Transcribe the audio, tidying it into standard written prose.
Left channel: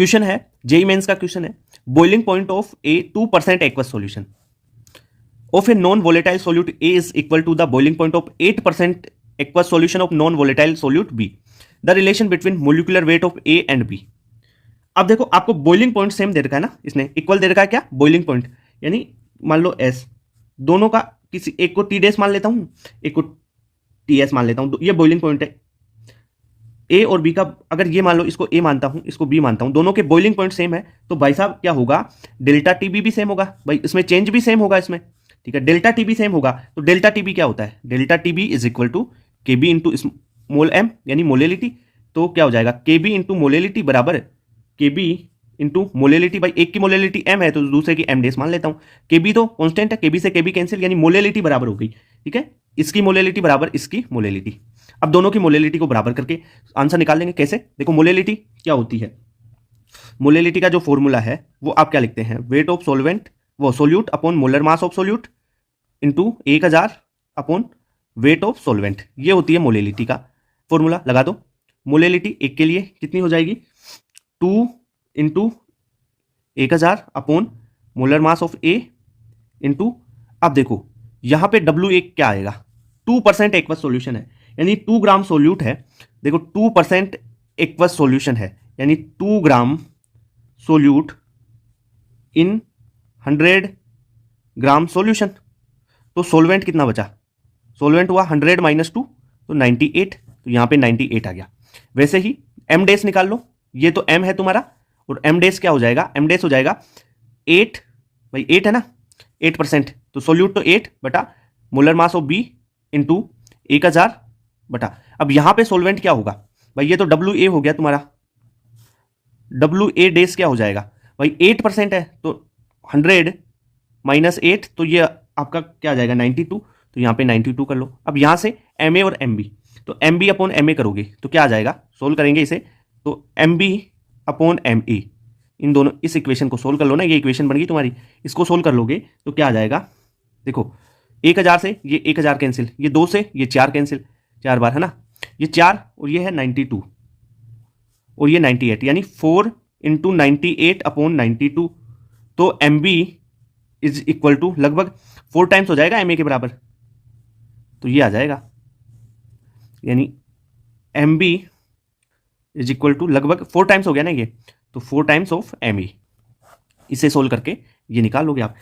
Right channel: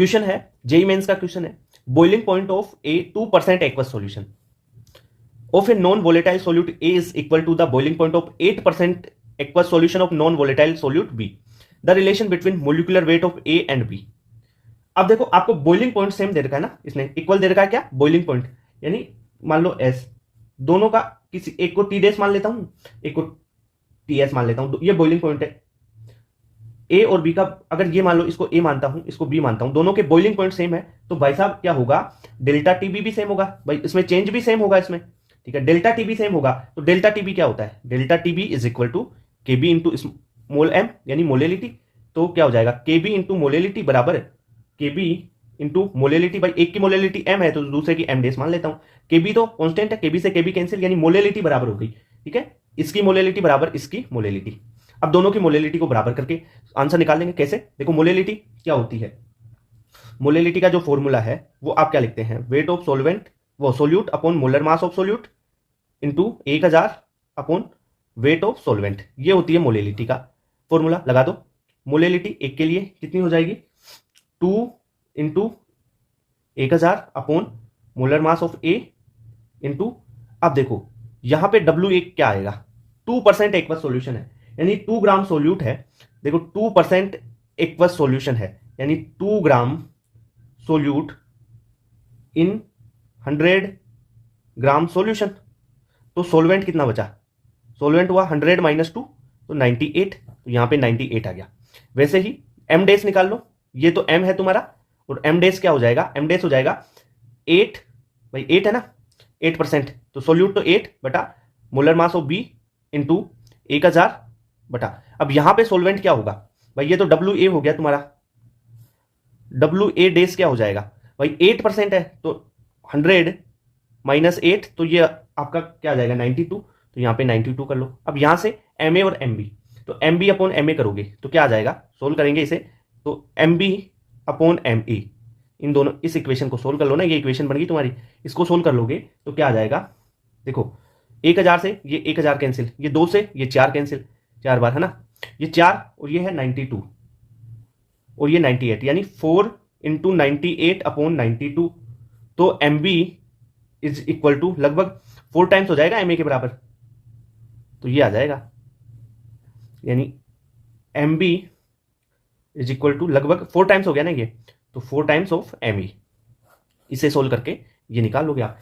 Question है, JEE mains का question है, boiling point of A 2% aqueous solution of a non-volatile solute A is equal to the boiling point of 8% aqueous solution of non-volatile solute B. The relation between molecular weight of A and B. अब देखो आपको boiling point same दे रखा है ना, इसने equal दे रखा है क्या, बॉइलिंग पॉइंट, यानी मान लो S, दोनों का किसी एक को टी डेस मान लेता हूं, एक को टी एस मान लेता हूं, ये बॉइलिंग पॉइंट है ए और बी का। अगर ये मान लो इसको ए मानता हूं, इसको बी मानता हूं, दोनों के बॉइलिंग पॉइंट सेम है, तो भाई साहब क्या होगा, डेल्टा टीबी भी सेम होगा भाई, इसमें चेंज भी सेम होगा इसमें, ठीक है। डेल्टा टीबी सेम होगा, तो डेल्टा टीबी क्या होता है, delta TB is equal to K B into small M यानी मोलेलिटी। तो क्या हो जाएगा, के बी इंटू मोलेलिटी बराबर के बी इंटू मोलेलिटी, भाई एक की मोलेलिटी एम है तो दूसरे की एम डेस मान लेता हूं, के बी तो कॉन्स्टेंट है, के बी से के बी कैंसिल, यानी मोलेलिटी बराबर हो गई, ठीक है। इसकी मोलेलिटी बराबर इसकी मोलेलिटी। अब दोनों की मोलेलिटी को बराबर करके आंसर निकाल लेंगे। कैसे, देखो मोलेलिटी क्या होती है, मोलेलिटी का जो फॉर्मूला है वो आप क्या लिखते हैं, वेट ऑफ सोलवेंट वो solute upon molar mass of solute into 1000 upon weight of solvent, ये होती है मोलेलिटी का फॉर्मूला। लगा दो, मोलेलिटी एक के लिए कितनी हो जाएगी, 2 into 1000 upon molar mass of A into, अब देखो यहां पे W एक क्या आएगा, 2% एक्वस सॉल्यूशन है, यानी 2 ग्राम सोल्यूट है। देखो 2% एक्वस सॉल्यूशन है, यानी 2 ग्राम सोल्यूट इन 100 ग्राम सॉल्यूशन। तो सोलवेंट कितना बचा, सोलवेंट हुआ 100 माइनस 2 तो 98, तो यहां पे 98 आ गया। वैसे ही एम डेस निकाल लो, ये तो एम है तुम्हारा, और एम डेस क्या हो जाएगा, एम डेस हो जाएगा 8, भाई 8 है ना, 8%, तो सोल्यूट तो 8 बटा molar mass of B into 1000 बटा, अब यहां पे सोलवेंट क्या होगा भाई, ये तो डब्ल्यू ए हो गया तुम्हारा, डब्ल्यू ए डेस क्या हो जाएगा भाई, 8% है तो 100 माइनस 8, तो ये आपका क्या आ जाएगा 92, तो यहां पे 92 कर लो। अब यहां से एम ए और एम बी, तो M b upon m a करोगे तो क्या आ जाएगा, सोल्व करेंगे इसे, तो M b upon m a, इन दोनों इस इक्वेशन को सोल्व कर लो ना, ये इक्वेशन बन गई तुम्हारी, इसको सोल्व कर लोगे तो क्या आ जाएगा, देखो 1000 से ये 1000 कैंसिल, ये 2 से ये 4 कैंसिल, 4 बार है ना, ये 4 और ये है 92 और ये 98, यानी 4 इंटू 98 अपॉन 92, तो M B is equal to लगभग 4 टाइम्स हो जाएगा एम ए के बराबर, तो ये आ जाएगा, यानी M B is equal to लगभग 4 टाइम्स हो गया ना ये, तो 4 टाइम्स ऑफ एम ई। इसे सोल्व करके ये निकाल लोगे आप।